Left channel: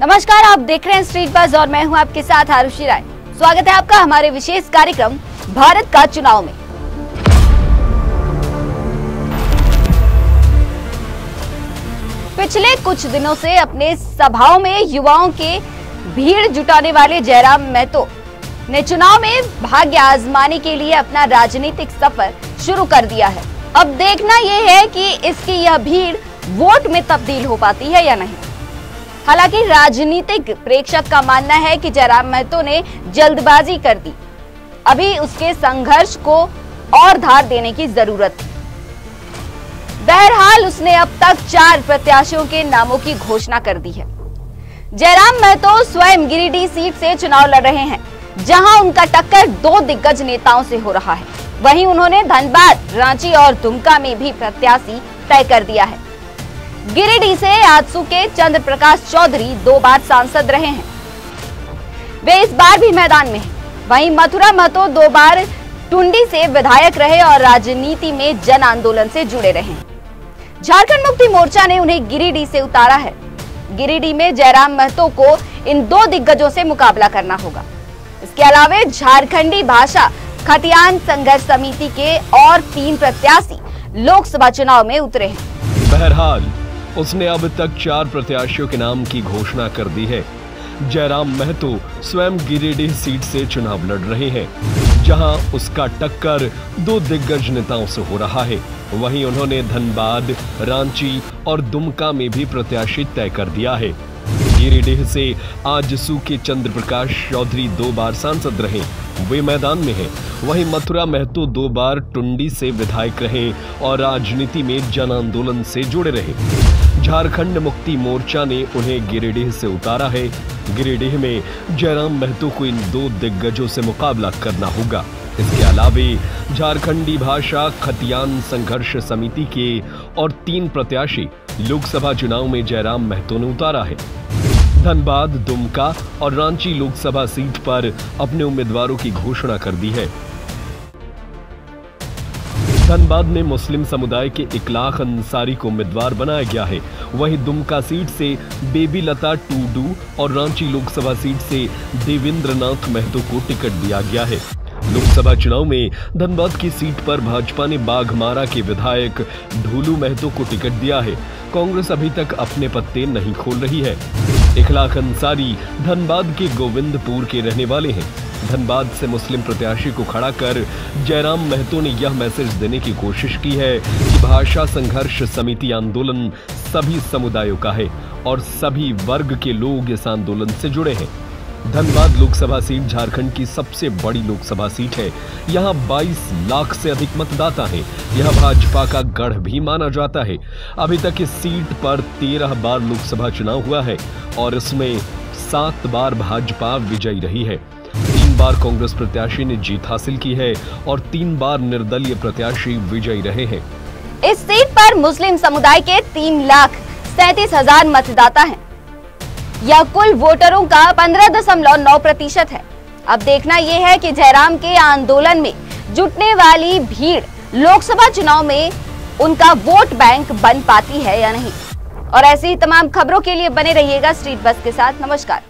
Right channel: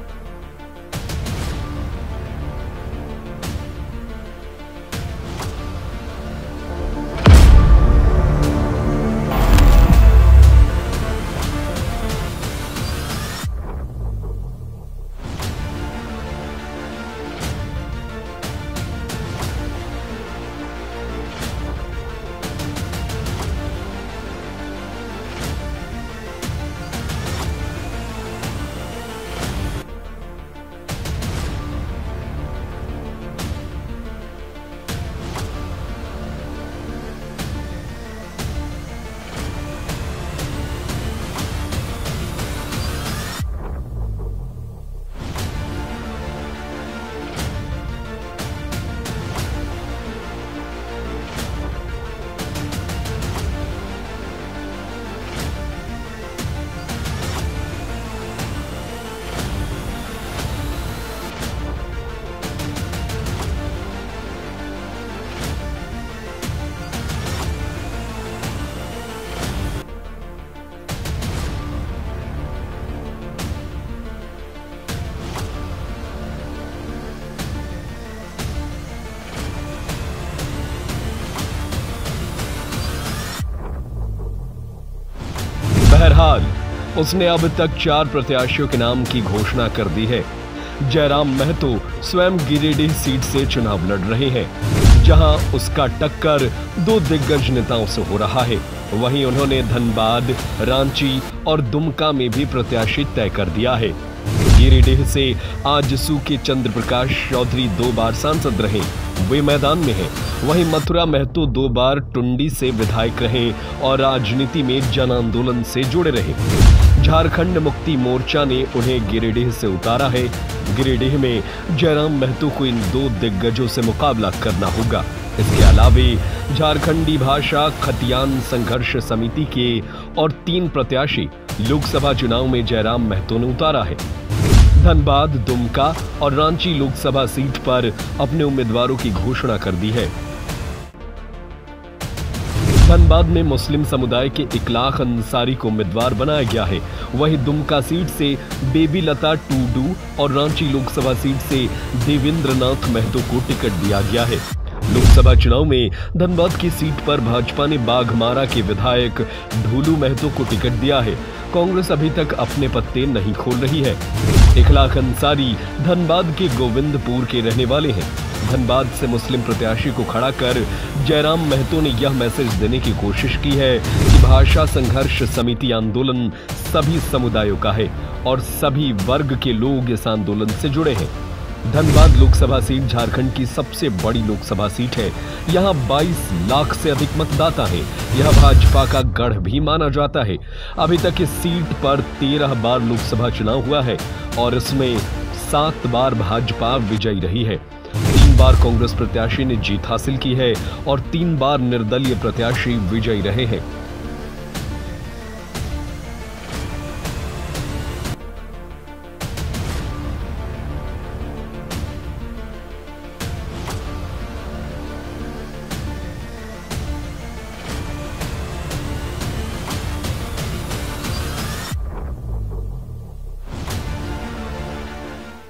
नमस्कार, आप देख रहे हैं स्ट्रीट बज़ और मैं हूं आपके साथ आरुषि राय। स्वागत है आपका हमारे विशेष कार्यक्रम भारत का चुनाव में। पिछले कुछ दिनों से अपने सभाओं में युवाओं के भीड़ जुटाने वाले जयराम महतो ने चुनाव में भाग्य आजमाने के लिए अपना राजनीतिक सफर शुरू कर दिया है। अब देखना यह है कि इसकी यह भीड़ वोट में तब्दील हो पाती है या नहीं। हालांकि राजनीतिक प्रेक्षक का मानना है कि जयराम महतो ने जल्दबाजी कर दी, अभी उसके संघर्ष को और धार देने की जरूरत है। बहरहाल उसने अब तक 4 प्रत्याशियों के नामों की घोषणा कर दी है। जयराम महतो स्वयं गिरिडीह सीट से चुनाव लड़ रहे हैं, जहां उनका टक्कर 2 दिग्गज नेताओं से हो रहा है। वहीं उन्होंने धनबाद, रांची और दुमका में भी प्रत्याशी तय कर दिया है। गिरिडीह से आजसू के चंद्र प्रकाश चौधरी 2 बार सांसद रहे हैं, वे इस बार भी मैदान में हैं। वहीं मथुरा महतो 2 बार टुंडी से विधायक रहे और राजनीति में जन आंदोलन से जुड़े रहे। झारखंड मुक्ति मोर्चा ने उन्हें गिरिडीह से उतारा है। गिरिडीह में जयराम महतो को इन 2 दिग्गजों से मुकाबला करना होगा। इसके अलावा झारखंडी भाषा खतियान संघर्ष समिति के और 3 प्रत्याशी लोकसभा चुनाव में उतरे हैं। बहरहाल उसने अब तक 4 प्रत्याशियों के नाम की घोषणा कर दी है। जयराम महतो स्वयं गिरिडीह सीट से चुनाव लड़ रहे हैं, जहां उसका टक्कर 2 दिग्गज नेताओं से हो रहा है। वहीं उन्होंने धनबाद, रांची और दुमका में भी प्रत्याशी तय कर दिया है। गिरिडीह से आजसू के चंद्र प्रकाश चौधरी 2 बार सांसद रहे, वे मैदान में हैं। वहीं मथुरा महतो 2 बार टुंडी से विधायक रहे और राजनीति में जन आंदोलन से जुड़े रहे। झारखंड मुक्ति मोर्चा ने उन्हें गिरिडीह से उतारा है। गिरिडीह में जयराम महतो को इन 2 दिग्गजों से मुकाबला करना होगा। इसके अलावा झारखंडी भाषा खतियान संघर्ष समिति के और 3 प्रत्याशी लोकसभा चुनाव में जयराम महतो ने उतारा है। धनबाद, दुमका और रांची लोकसभा सीट पर अपने उम्मीदवारों की घोषणा कर दी है। धनबाद में मुस्लिम समुदाय के इकलाख अंसारी को उम्मीदवार बनाया गया है। वहीं दुमका सीट से बेबी लता टूडू और रांची लोकसभा सीट से देवेंद्र नाथ महतो को टिकट दिया गया है। लोकसभा चुनाव में धनबाद की सीट पर भाजपा ने बाघमारा के विधायक ढोलू महतो को टिकट दिया है। कांग्रेस अभी तक अपने पत्ते नहीं खोल रही है। इखलाक अंसारी धनबाद के गोविंदपुर के रहने वाले हैं। धनबाद से मुस्लिम प्रत्याशी को खड़ा कर जयराम महतो ने यह मैसेज देने की कोशिश की है कि भाषा संघर्ष समिति आंदोलन सभी समुदायों का है और सभी वर्ग के लोग इस आंदोलन से जुड़े हैं। धनबाद लोकसभा सीट झारखंड की सबसे बड़ी लोकसभा सीट है। यहां 22 लाख से अधिक मतदाता हैं। यह भाजपा का गढ़ भी माना जाता है। अभी तक इस सीट पर 13 बार लोकसभा चुनाव हुआ है और इसमें 7 बार भाजपा विजयी रही है। 3 बार कांग्रेस प्रत्याशी ने जीत हासिल की है और 3 बार निर्दलीय प्रत्याशी विजयी रहे हैं। इस सीट पर मुस्लिम समुदाय के 3,37,000 मतदाता हैं। यह कुल वोटरों का 15.9% है। अब देखना यह है कि जयराम के आंदोलन में जुटने वाली भीड़ लोकसभा चुनाव में उनका वोट बैंक बन पाती है या नहीं। और ऐसी ही तमाम खबरों के लिए बने रहिएगा स्ट्रीट बज़ के साथ। नमस्कार।